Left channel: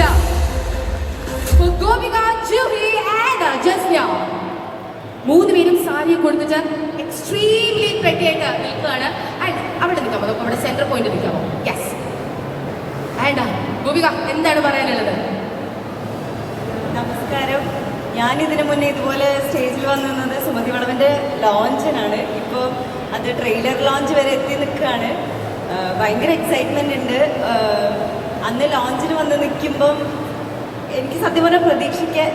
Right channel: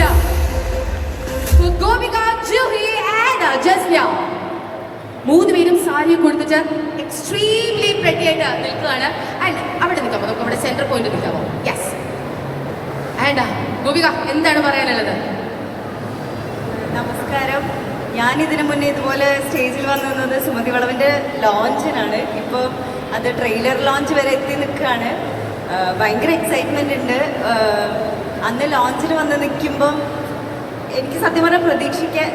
up for Gopika, Juhi and. മൂന്ന് പേരും സാരി കൊടുത്തിട്ട് എക്സ്ട്രീംലി പ്രെറ്റി ആയിട്ട് നിൽക്കുകയാണ്. ആൻഡ് അവിടെ നിൽക്കാമോ നമുക്ക് അവിടെ സെന്റർ പോയിന്റ് നിൽക്കാമോ യെസ് ആൻഡ് ഗോപിക എന്താണ് പറയാനുള്ളത്? നമസ്കാരം. ഞാൻ ഇതിനു മുന്നേ ഇതുപോലെ സ്റ്റേജിൽ വന്നു നിന്നത് സുമതി വളവിന്റെ ലോഞ്ചിനാണ് ഇപ്പോൾ അത് ട്രെയിലർ ലോഞ്ച് വരെ എത്തി നിൽക്കുകയാണ്. ഭയങ്കര എക്സൈറ്റ്മെന്റ് ഉണ്ട്. അന്ന് ലോഞ്ചിന് വന്ന് നിൽക്കുമ്പം എനിക്ക് സത്യം പറഞ്ഞാൽ പ്രതീക്ഷിക്കാൻ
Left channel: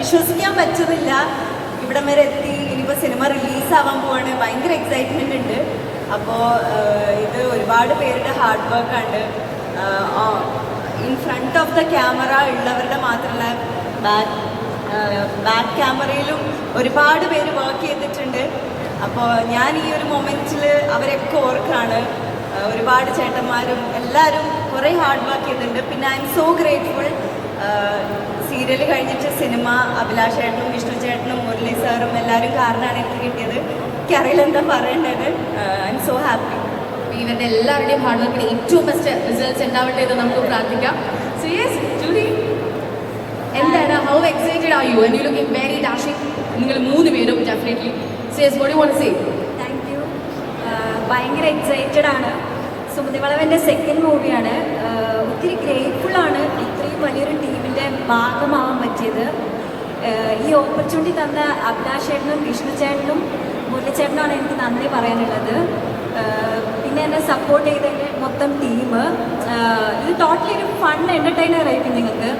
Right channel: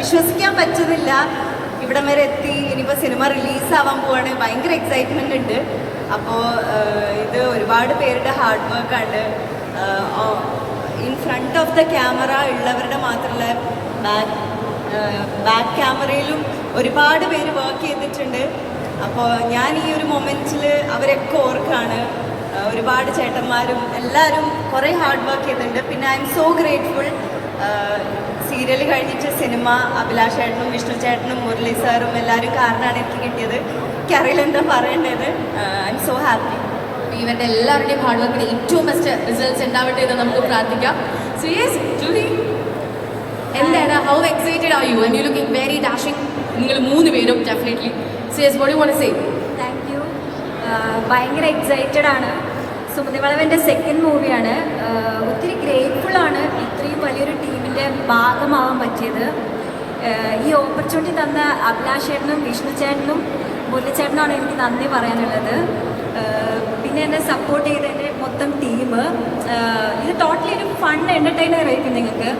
വിശ്വസിക്കാൻ പറ്റുന്നില്ല. ഇവിടം വരെ എത്തി ഇനിയിപ്പോൾ സിനിമ റിലീസാവാൻ പോവാണ്. ഭയങ്കര എക്സൈറ്റ്മെന്റ് ഉണ്ട്. അപ്പോൾ ഇത് ഒരുപാട് പേരുടെ ഹാർഡ് വർക്കാണ് in front of the camera ഉള്ളവരുടെ മാത്രമല്ല ബാക്ക് ബാക്ക് ക്യാമറയിലും ഒരുപാട് പേര് വർക്ക് ചെയ്തിട്ടുണ്ട്. അപ്പോൾ ഞാൻ ഈ ഒരു മൊമെന്റിൽ അവരൊക്കെ ഓർക്കാണ്. ഒരുപാട് ചേട്ടന്മാരും എല്ലാവരും കുറേ ഹാർഡ് വർക്ക് ചെയ്തിട്ടുണ്ട്. പിന്നെ I M so grateful serial കഴിഞ്ഞിട്ട് സിനിമ അഭിലാഷ് ചേട്ടനും വിഷ്ണു ചേട്ടനും മുരളി സാറും എല്ലാവരും കാരണമാണ് എനിക്ക് കിട്ടിയത്. എനിക്കറിയില്ല എന്താ പറയേണ്ടത്. ഐ എം സോ ഹാപ്പി ഇവരുടെ എല്ലാവരുടെയും ഹാർഡ് വർക്കിന് ഏറ്റവും ബെസ്റ്റ് റിസൾട്ട്സ് ഉണ്ടാവട്ടെ എന്ന് നമുക്ക് പ്രാർത്ഥിക്കാം. ജൂലി എന്താണ്? How excited are you and you looking very dashing നിങ്ങൾ മൂന്ന് പേരും definitely see yes what you want say ഭയങ്കര എക്സൈറ്റഡ് ആണ്. സുമതിവളവന്റെ സെക്കൻഡ് മൂവിയാണ് ഒത്തിരി ആണ് ഇത്രയും വലിയൊരു ടീമിന്റെ ഭാഗമാവാൻ പറ്റിയത്. ഈ ഓപ്പർച്യൂണിറ്റി തന്ന അഭിലാഷ് ചേട്ടനും വിഷ്ണു ചേട്ടനും എനിക്ക് നന്ദി പറയാനുള്ളത്. പിന്നെ എന്നെ സപ്പോർട്ട് ചെയ്ത എന്റെ മൊത്തം ടീം ഇത് ടോട്ടലി ഒരു ഫൺ എന്റർടൈനർ ആയിരിക്കും നിങ്ങൾക്ക്.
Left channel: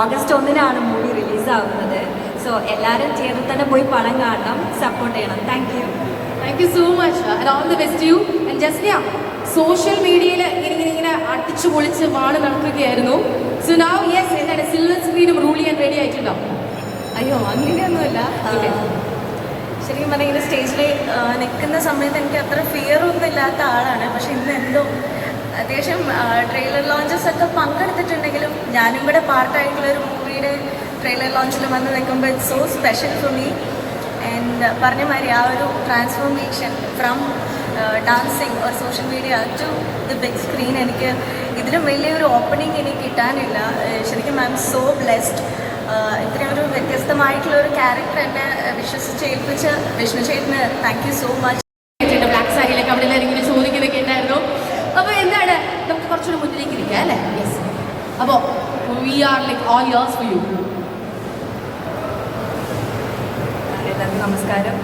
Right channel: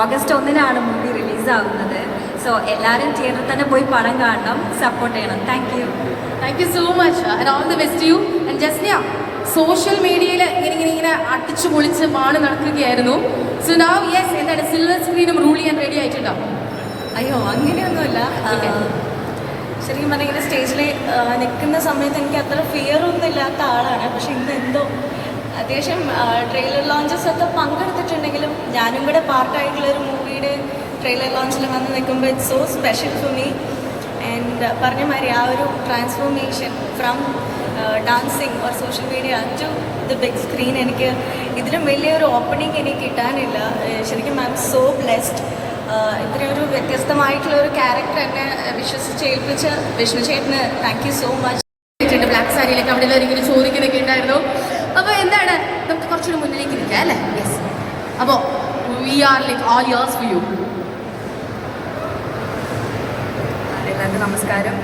ഓഗസ്റ്റ് ഒന്നിനാണ് മൂവി റിലീസാകുന്നത് സോ എല്ലാവരും തിയേറ്ററിൽ തന്നെ പോയി പണം കാണണം സപ്പോർട്ട് ചെയ്യണം. Thank thank you so much all the best you and Jasniya social മീഡിയയിൽ ഇങ്ങനെ ഇങ്ങനെ ഇങ്ങനെ അടിച്ചു പൊളിച്ച് മാൾ നടക്കുകയായിരുന്നു. സോ നാവ് യെസ് എന്താണ്? സിൽവർ സ്ക്രീനും റൂൾ ചെയ്യാൻ റെഡി ആയിട്ടുണ്ടോ. അയ്യോ അങ്ങനെയൊന്നുമില്ല. ശരിക്കും പറഞ്ഞാൽ സ്റ്റേജിൽ നിൽക്കുന്ന സമയത്ത് എനിക്ക് അത്ര ഫിയർ ഒന്നും ഇല്ലാത്ത ആളാണ്. പക്ഷെ ഇന്ന് എന്തോ അത്യാവശ്യം ട്രെയിലർ ലോഞ്ചസ് ഒക്കെ പങ്കെടുത്തിട്ടുണ്ടെങ്കിലും ഞാനും കൂടെ പാർട്ടായിട്ടുള്ള ഒരു മൂവിയുടെ ട്രെയിലർ ലോഞ്ചിൽ വന്ന് നിൽക്കുമ്പോൾ it's so special for me and പറഞ്ഞ മാതിരി ആ ഒരു transformation from dancing or social media to the big screen എനിക്ക് ഇതിലും വലിയൊരു ഓപ്പണിംഗ് എനിക്ക് കിട്ടാനില്ല. ശരിക്കും ഐ എം സോ ബ്ലെസ്ഡ് ഇത്രയും ഒരു വ്യത്യസ്തമായിട്ടുള്ള ഒരു ക്യാരക്ടർ എന്നെ വിശ്വസിച്ച് ഏൽപ്പിച്ച വിഷ്ണു ചേട്ടന് thank you so much black സാരിയിലൊക്കെ അവിടെ എല്ലാവരും ഇങ്ങനെ ചോദിക്കുന്നൊക്കെ ഉണ്ടായിരുന്നു അപ്പോൾ എന്താണ് നമുക്ക് കുറച്ചുകൂടി മുന്നിലേക്ക് നിൽക്കാം അല്ലേ യെസ് അപ്പോൾ we are like all ears for you എല്ലാവർക്കും നമസ്കാരം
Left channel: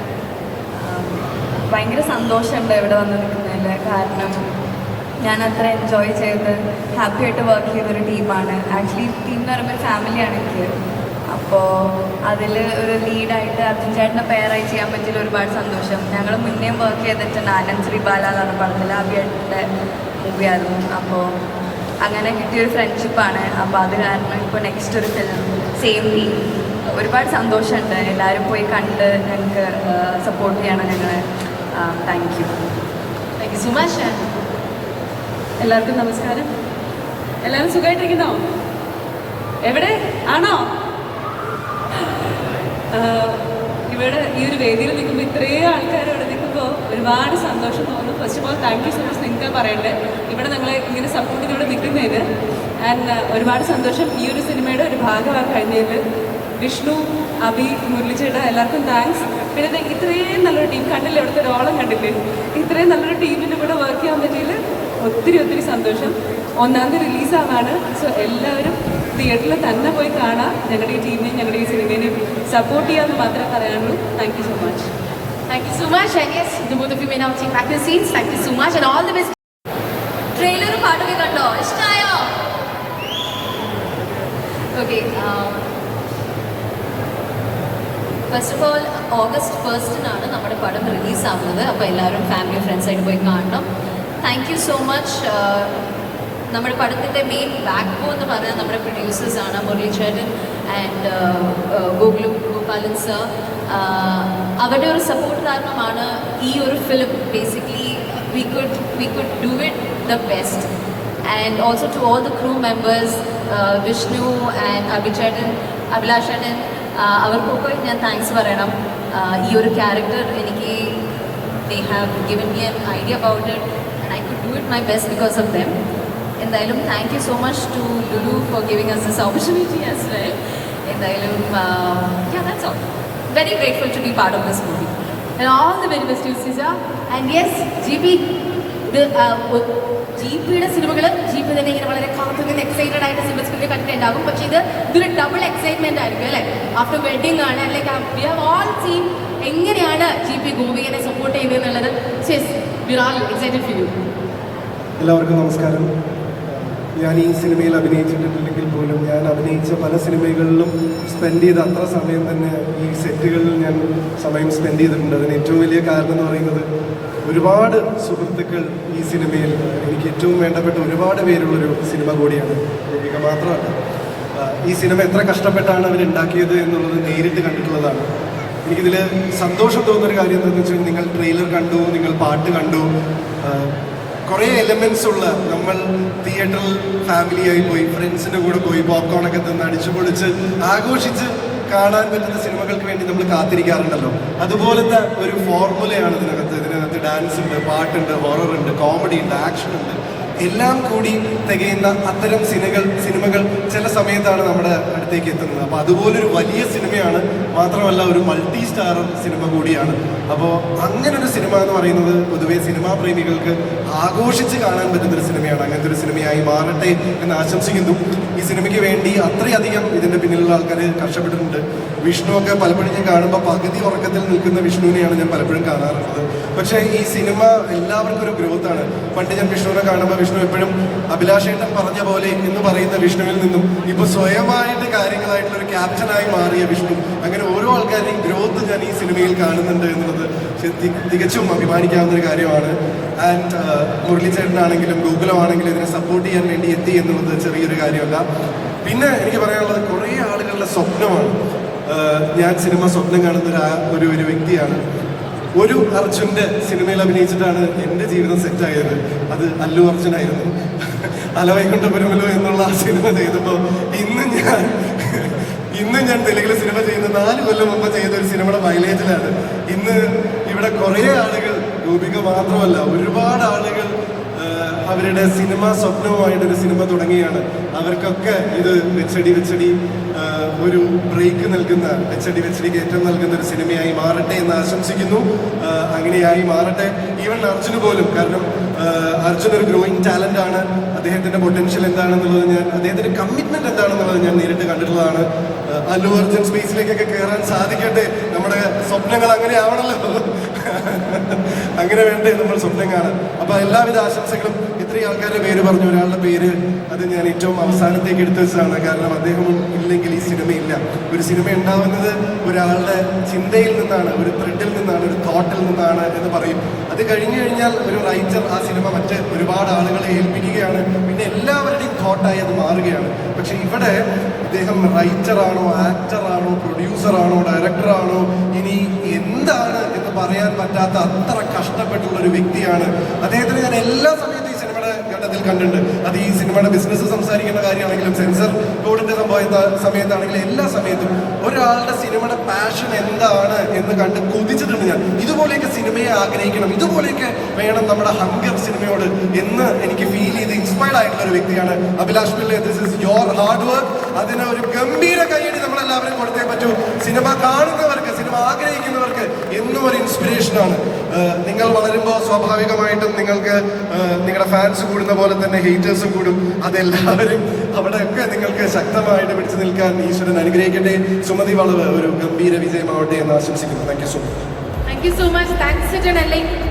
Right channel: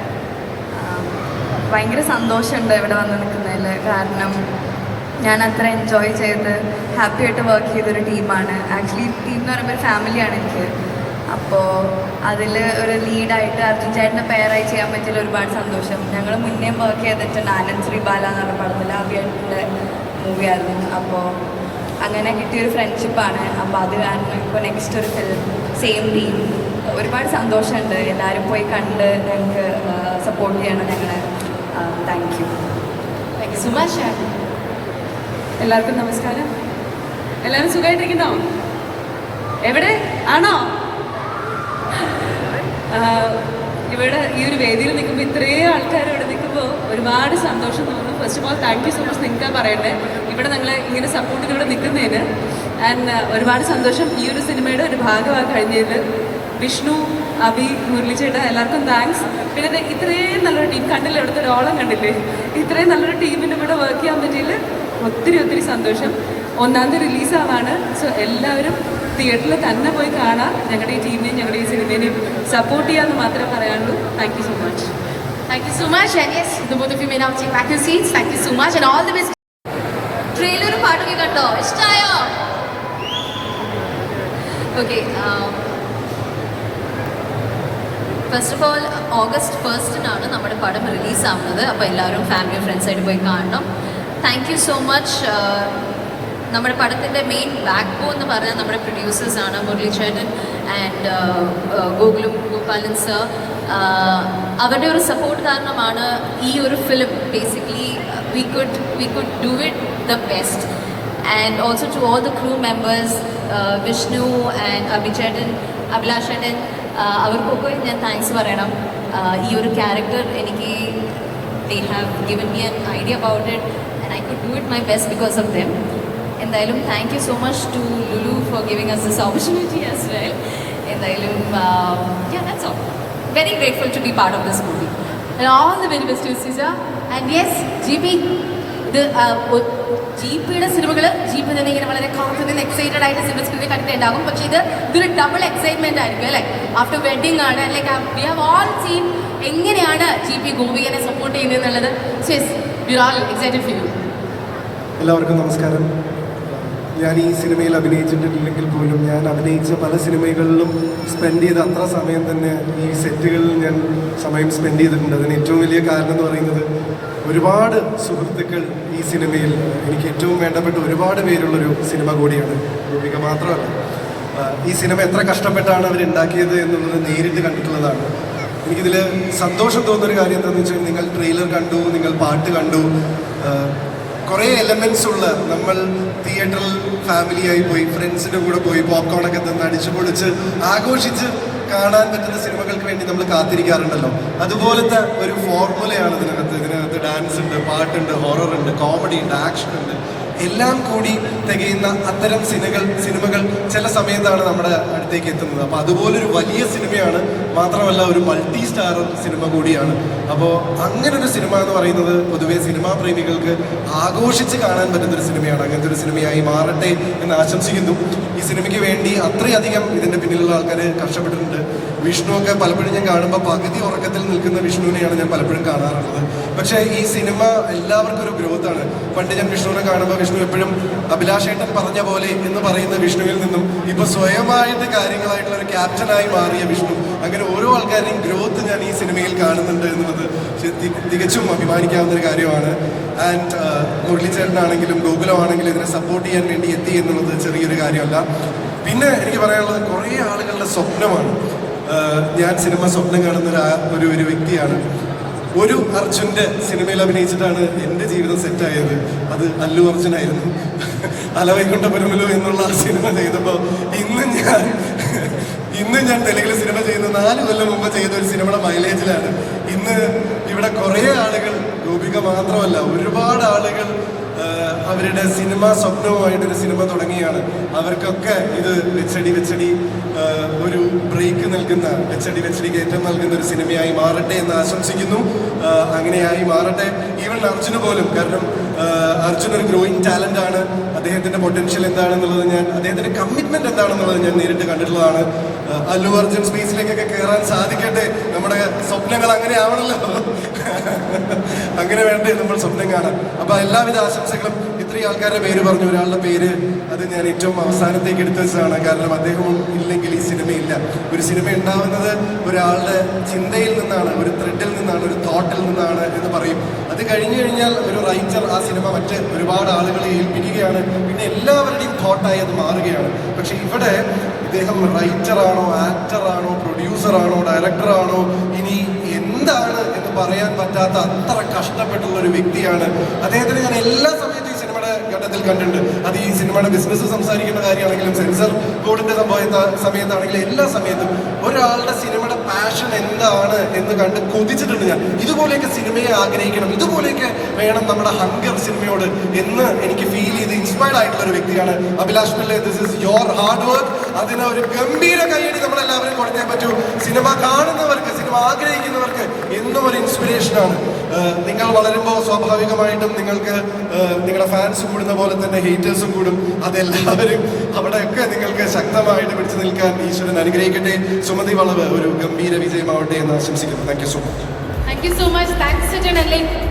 ഭയങ്കര സന്തോഷമുണ്ട് ഇവിടെ വന്ന് നിൽക്കുന്നതിൽ കാരണം ഞാൻ അത്ര എൻജോയ് ചെയ്ത് ഹാപ്പി ആയിട്ട് വർക്ക് ചെയ്തൊരു ടീമാണ് ആക്ച്വലി ടീം എന്ന് പറയുമ്പോൾ ഒരു ഫാമിലിയാണ് എനിക്ക്. അപ്പോൾ അതിൽ ഒരു ലീഡായിട്ട് അർജുൻ ചേട്ടന്റെ പേരായി ചെയ്യാൻ പറ്റിയ ഒരുപാട് സന്തോഷം. ഞങ്ങൾ മുന്നേ വർക്ക് ചെയ്തിട്ടുണ്ട് ആനന്ദ് ശ്രീ ബാല എന്ന് പറഞ്ഞ പടത്തിൽ ആദ്യമായിട്ടുള്ള മൂവിയായിരുന്നു അപ്പോൾ അങ്ങനെ കിട്ടിയൊരു ഫ്രണ്ട്ഷിപ്പാണ് അപ്പോൾ അത് കാരണം ഇപ്പോൾ നെക്സ്റ്റ് ഒരു ഫിലിം സെയിം ടീം ഒരുപാട് സന്തോഷമുണ്ട്. എല്ലാവരും പോയി കണ്ട് ഞങ്ങൾക്ക് സപ്പോർട്ട് ചെയ്യണം ഞങ്ങൾ thank you thank you so much എല്ലാവർക്കും നമസ്കാരം. എല്ലാവരും സുഖമായിട്ടിരിക്കുന്നോ? എവിടെ? ആണോ? ഇവിടെ ഈ ഒരു വേദിയിൽ നിൽക്കുമ്പോൾ ഇത്രയും ആൾക്കാർ ഇവിടെ നിൽക്കുമ്പോൾ ഒരുപാട് സന്തോഷം തോന്നുന്നു. First of all thank you so much നിങ്ങൾക്ക് പറയണ്ടേ? ഇവിടെ നമ്മൾ ഇങ്ങനെ സപ്പോർട്ട് ഇവിടെ നിൽക്കുന്നതിന്. ആൻഡ് ഒരുപാട് സന്തോഷം ഈ ഒരു സിനിമയുടെ ഒരു ഭാഗമാണ് കഴിഞ്ഞത് വിഷ്ണു അഭി മുരളിച്ചേട്ട എല്ലാവർക്കും താങ്ക്സ് പിന്നെ ദേ ഇത്രയും നല്ലൊരു ടീം കണ്ടില്ല? എടുത്ത ഡോളം കണ്ടില്ലേ? ഇത്രയും നല്ലൊരു ടീമിന്റെ കൂടെ വർക്ക് ചെയ്യാൻ പറ്റിയതിൽ ഒത്തിരി ഒത്തിരി സന്തോഷം. ഒന്നാം തീയതി റിലീസാവാണ് സോ എല്ലാവരും തിയേറ്ററിൽ തന്നെ പോയി കാണാം. ഞങ്ങളുടെ ഈ ടീമിനെയും ഞങ്ങളുടെ ഈ സിനിമേനെയും സപ്പോർട്ട് ചെയ്യാമെന്ന് മാത്രം പറയാനുള്ളൂ. Thank you so much thank you so much yes, the both of you may now back thank you so much, and all the trailer പാട്ടൊക്കെ കണ്ടോ ഇഷ്ടമായോ okay first of all August ഫസ്റ്റിനാണ് നമ്മുടെ പടം റിലീസാകുന്നത് അപ്പോൾ എല്ലാവരും ഫാമിലി ഫ്രണ്ട്സായിട്ട് പോയി കാണണം. താങ്ക് യു സോ മച്ച് നമ്മുടെ പടത്തിന്റെ മെയിൻ ബാക്ക് ബോ എന്ന് പറഞ്ഞാൽ നമ്മുടെ പ്രൊഡ്യൂസേഴ്സാണ് മുരളി ചേട്ടൻ ആൻഡ് ഗോകുലു ഗോപാലൻ സർ അവരുടെ ഒരു സപ്പോർട്ട് കാരണമാണ് ഈ ഒരു film basically we could we could do it the best and also to all the crew members Vishnu and അഭിചേട്ടൻ Abhilash ചേട്ടൻ അവർക്കൊക്കെ ഞാൻ താങ്ക്സ് പറയണം. ഈ ഒരു ക്യാരക്ടർ എനിക്ക് they have given me an idea about it and I could do it my best because of them എന്തായാലും thank you so much to Lulu for giving us this opportunity as well എന്തായാലും very grateful to be part of this movie all the very best Sija and yes G ഇത് G പിയുടെ സിനിമകൾ G P തന്നെ ഇങ്ങനെ വളരെ confident excited ആയിട്ട് cinema കണ്ടിട്ട് ഉണ്ടാകും. പക്ഷേ ഇത് ഇതൊരു ഡബിൾ എക്സൈറ്റ്മെന്റ് ആയിരിക്കും അല്ലേ? ആഫ്റ്റർ വെഡിങ് ആണ്. Like we have all seen എങ്ങനെയാണ് ജി പി ഗോപികനെ സപ്പോർട്ട് ചെയ്യുന്നത് എന്നുള്ളത്. എല്ലാവർക്കും നമസ്കാരം. ഞാൻ ഈ സിനിമയിൽ അഭിനയിച്ചിട്ടില്ലെങ്കിൽ പോലും ഞാൻ അഭിനയിച്ച പല സിനിമകളിലും സ്പെൻഡ് ചെയ്ത അത്ര സമയം തന്നെ ഈ സെറ്റുകളിൽ ഞാൻ സമയം സ്പെൻഡ് ചെയ്തിട്ടുണ്ട്. അതിന് ഏറ്റവും വലിയ കാരണം എന്ന് പറയുന്നത് ഒരുപാട് സുഹൃത്തുക്കൾ ഈ സിനിമയിൽ എനിക്ക് ഏറ്റവും വേണ്ടപ്പെട്ട ഒരുപാട് പേരുള്ളൊരു സിനിമ കൂടിയാണ് ദീപിക മാത്രമല്ല. ഈ സിനിമ എത്ര കഷ്ടപ്പെട്ടാണ് അവരുണ്ടാക്കിയത് എന്നുള്ളത് നേരിട്ട് കണ്ടിട്ടുള്ളതാണ്. എനിക്കിതിൽ സന്തോഷം തോന്നുന്നൊരു കാര്യം എന്താണെന്ന് വെച്ചാൽ നിങ്ങൾ ട്രെയിലർ കണ്ടു നിങ്ങൾ പാട്ട് കണ്ടു. കുറേ എലമെന്റ്സ് ഉള്ള നമ്മൾ തിയേറ്ററിൽ ഫാമിലിയായി പോയി ഫ്രണ്ട്സിന്റെ കൂടെ പോയി പോപ്കോൺ ഒക്കെ തന്ന് അടിച്ചു പൊളിച്ച് ആഘോഷിച്ച് കാണാൻ പറ്റുന്ന സിനിമകൾക്ക് വേണ്ടി നമ്മൾ കാത്തിരിക്കാറുണ്ടല്ലോ. അതുപോലത്തെ ഒരു ഫോർമുലയാണ് ഇതിനകത്ത്. ഇതിനകത്ത് ഡാൻസ് ഉണ്ട് പാട്ടുണ്ട് ഹൊറർ ഉണ്ട് കോമഡി ഉണ്ട് ആക്ഷൻ ഉണ്ട്. എല്ലാം കൂടി തികയുന്ന അത്തരം സിനിമകൾ സിനിമകൾ ചില സമയത്താണ് നമ്മുടെ അടുത്തേക്ക് എത്തുന്നത്. അപ്പോൾ അതുപോലൊരു വലിയ സിനിമയാണ് മാത്രമല്ല ഒരു മൾട്ടി സ്റ്റാർ സിനിമ കൂടിയാണ്. അപ്പോൾ അങ്ങനെ ഒരു സിനിമ എന്ന് പറയുന്നത് പൊതുവെ സിനിമാ പ്രേമികൾക്ക് ആഘോഷിച്ച് കാണാൻ പറ്റുന്ന ഒരു സിനിമയാണ്. അങ്ങനത്തെ ഒരു സിനിമയായി മാറട്ടെ എന്ന് ആശംസിക്കുന്നു. ഈ സിനിമയ്ക്ക് വേണ്ടി അത്രയധികം ഇതിന്റെ പിന്നിലുള്ള ആൾക്കാർ കഷ്ടപ്പെട്ടിട്ടുണ്ട്. വിഷ്ണുവൊക്കെ പലപ്പോഴും ഞാൻ കാണുമ്പോൾ പകുതി ഉറക്കത്തിൽ നിൽക്കുന്ന വിഷ്ണുവിനെയാണ് ഞാൻ പലപ്പോഴും കാണാറുള്ളത്. പക്ഷേ ഈ സിനിമ എല്ലാവർക്കും ഒരു ഗ്രോത്താണ് പണ്ട് ഞാൻ വിഷ്ണുവിനെ കാണുമ്പോൾ വിഷ്ണു എപ്പോഴും അഭിലാഷേട്ടൻ പറഞ്ഞ പോലെ എന്ന് പറയുന്ന വിഷ്ണുവിൽ നിന്നും ഇപ്പൊ സ്വയമായിട്ട് കാര്യങ്ങളായിട്ടുള്ള ഒരു ക്യാപ്റ്റനായി മാറിയ വിഷ്ണു. അങ്ങനെ ഓരോ ആൾക്കാരുടെയും ഗ്രോത്ത് ഞാൻ ഈ സിനിമയിൽ കാണുന്നുണ്ട് എന്നുള്ളത് തികച്ചും അഭിമാനിക്കാവുന്ന ഒരു കാര്യമാണ്. ആൻഡ് മുരളീചേട്ടനാണെങ്കിലും ഗോകുലമാണെങ്കിലും ഇതിനെ സപ്പോർട്ട് ചെയ്യാൻ വേണ്ടി എത്തി എന്നുള്ളത് ചെറിയൊരു കാര്യമല്ല. പിന്നെ എനിക്ക് പറയാനുള്ളത് കുറേ ആളുകളുടെ സ്വപ്നമാണ്. ഞാൻ സിനിമ സ്വപ്നം കാണുന്ന ഒരു ഒരു വ്യക്തിയാണ്. ഒരു അർജുന്റെ സിനിമയിൽ അഭിനയിച്ചിട്ടാണ് എന്റെ ജീവിതം സെറ്റായത്. അത് അല്ലു അർജുനായിരുന്നു. അലവൈക്കുണ്ട പുരമലു എന്നുള്ള ആ സിനിമ ചെയ്തപ്പോൾ ഇന്ന് ഞാൻ ഇന്ന് ഞാൻ തെലുങ്കിൽ സിനിമ ചെയ്ത് നാല് കൊല്ലം മുമ്പ് ചെയ്ത ഒരു സിനിമയുടെ മൈലേജിലാണ്. ഇന്ന് ഇവിടെ കുറേ ആളുകൾ ഗോപിക മാത്രമല്ല ഒരുപാട് ആളുകൾ അവരുടെ സിനിമ സ്വപ്നവുമായിട്ടൊരു സിനിമ തുടങ്ങിയാണ്. അവർക്കൊക്കെ ഇത് വെച്ചടി വെച്ചടി ഒരു ബ്രേക്ക് നൽകുന്ന എച്ച് ഡി എച്ച് ഡി കയറ്റം നൽകുന്ന ഒരു സിനിമയായി മാറട്ടെ എന്ന് ആശംസിക്കുന്നു. അങ്ങനെയായി മാറട്ടെ. ഈവൻ അർജുന് പോലും കാരണം അർജുൻ ഒരു ഗ്രോയിങ് ടാലന്റ് ആണ്. അദ്ദേഹത്തിന്റെ പൊട്ടൻഷ്യൽ എന്താണെന്നുള്ളത് ഞാൻ അദ്ദേഹത്തിന്റെ കമ്മിറ്റ്മെന്റ് എന്താണെന്നുള്ളത് ഞാൻ നേരിട്ട് കണ്ടിട്ടുള്ളതാണ്. അല്ലു അർജുൻ സ്പേസിലേക്കൊക്കെ കയറാൻ സാധിക്കട്ടെ. നമ്മുടെ സ്വപ്നങ്ങൾ അങ്ങനെ ആവണല്ലോ. അങ്ങനെ വേണ്ടേ നമ്മൾ സ്വപ്നം കാണാൻ. അപ്പൊ എല്ലാവിധ ആശംസകളും ഇത്രയും ആൾക്കാരുടെ പേര് പറഞ്ഞു ഒരാളുടെ പേര് അത് ഞാൻ ഏറ്റവും അവസാനത്തേക്ക് എടുത്തു വെച്ചതാണ്. കാരണം അദ്ദേഹം ഇല്ലെങ്കിൽ ഈ സിനിമയില്ല. ഒരു സിനിമ ഉണ്ടാവുന്നത് ഒരാളുടെ ചിന്തയിൽ നിന്നാണ് ഒരു ത്രെഡിൽ നിന്നാണ് ഒരു തോട്ടിൽ നിന്നാണ് എന്ന് പറയും. അത് കഴിഞ്ഞു കഴിഞ്ഞാൽ ഒരു റൈറ്റർ ആ സിനിമ മറ്റ് ഒരുപാട് ആളുകളെ ഏൽപ്പിക്കുകയാണ്. പിന്നെ എല്ലാവരുടെയും തോട്ടായി അത് മാറുകയാണ്. പക്ഷെ ഇവിടെ ഇദ്ദേഹം റൈറ്ററാണോ ആക്ടറാണോ പ്രൊഡ്യൂസറാണോ ഡയറക്ടറാണോ ഇനി എന്താണ് എന്ന് പറയാൻ പറ്റാത്ത അത്ര കഷ്ടപ്പെട്ടുള്ള ഒരു വ്യക്തിയാണ്. അദ്ദേഹത്തിന് ഞാൻ എല്ലാ സമയത്തും ഈ സിനിമയുടെ ഘട്ടത്തിൽ കണ്ടിട്ടുണ്ട്. അത് ഈ സിനിമയുടെ ബിസിനസ് സംസാരിക്കേണ്ട കാര്യമാണെങ്കിലും സെൻസർ ബോർഡിന്റെ സംഭവ സമയത്താണെങ്കിലും എല്ലാ സമയത്തും ഒരാളുടെ സിനിമയുടെ പാഷൻ എന്താണ് കണ്ട് കൊതിച്ചിട്ടുണ്ട് ഞാൻ. ഇതുപോലെയൊക്കെ സിനിമയെ ആഗ്രഹിക്കണം. ഇതുപോലെയൊക്കെ വേണം നമ്മുടെ ഹംഗർ സിനിമയോട് എന്ന് എനിക്ക് ഫീൽ ചെയ്ത് ഇൻസ്പയർഡ് ആയിട്ടുള്ള ഒരു വ്യക്തിയാണ് Abhilash Pillai this is your hard work അതിന് ഒരു ഗംഭീര കൈയടി നമ്മളെല്ലാവരും കൊടുക്കാൻ പറ്റൂ. സിനിമ കാണുന്നവർക്ക് സിനിമ ആഗ്രഹിക്കുന്നവർക്ക് എന്നും ഒരു ഇൻസ്പിറേഷനാണ് നിങ്ങൾ വളരുമ്പോൾ സ്വാഭാവികമായിട്ടും നിങ്ങൾക്ക് നിങ്ങളുടെ ഫാൻസ് കൂടുന്ന പോലെ തന്നെ ഹേറ്റേഴ്സും കൂടും. അതെല്ലാവരും അവിടെയൊക്കെ നിങ്ങൾക്ക് ശക്തമായിട്ട് പിടിച്ചു നിൽക്കാൻ ഈശ്വരൻ അനുഗ്രഹിക്കട്ടെ. സുമതി വളവ് ഒരു ഗംഭീര വിജയമാവട്ടെ എന്ന് ആശംസിക്കുന്നു. Thank you so much thank you so much thanks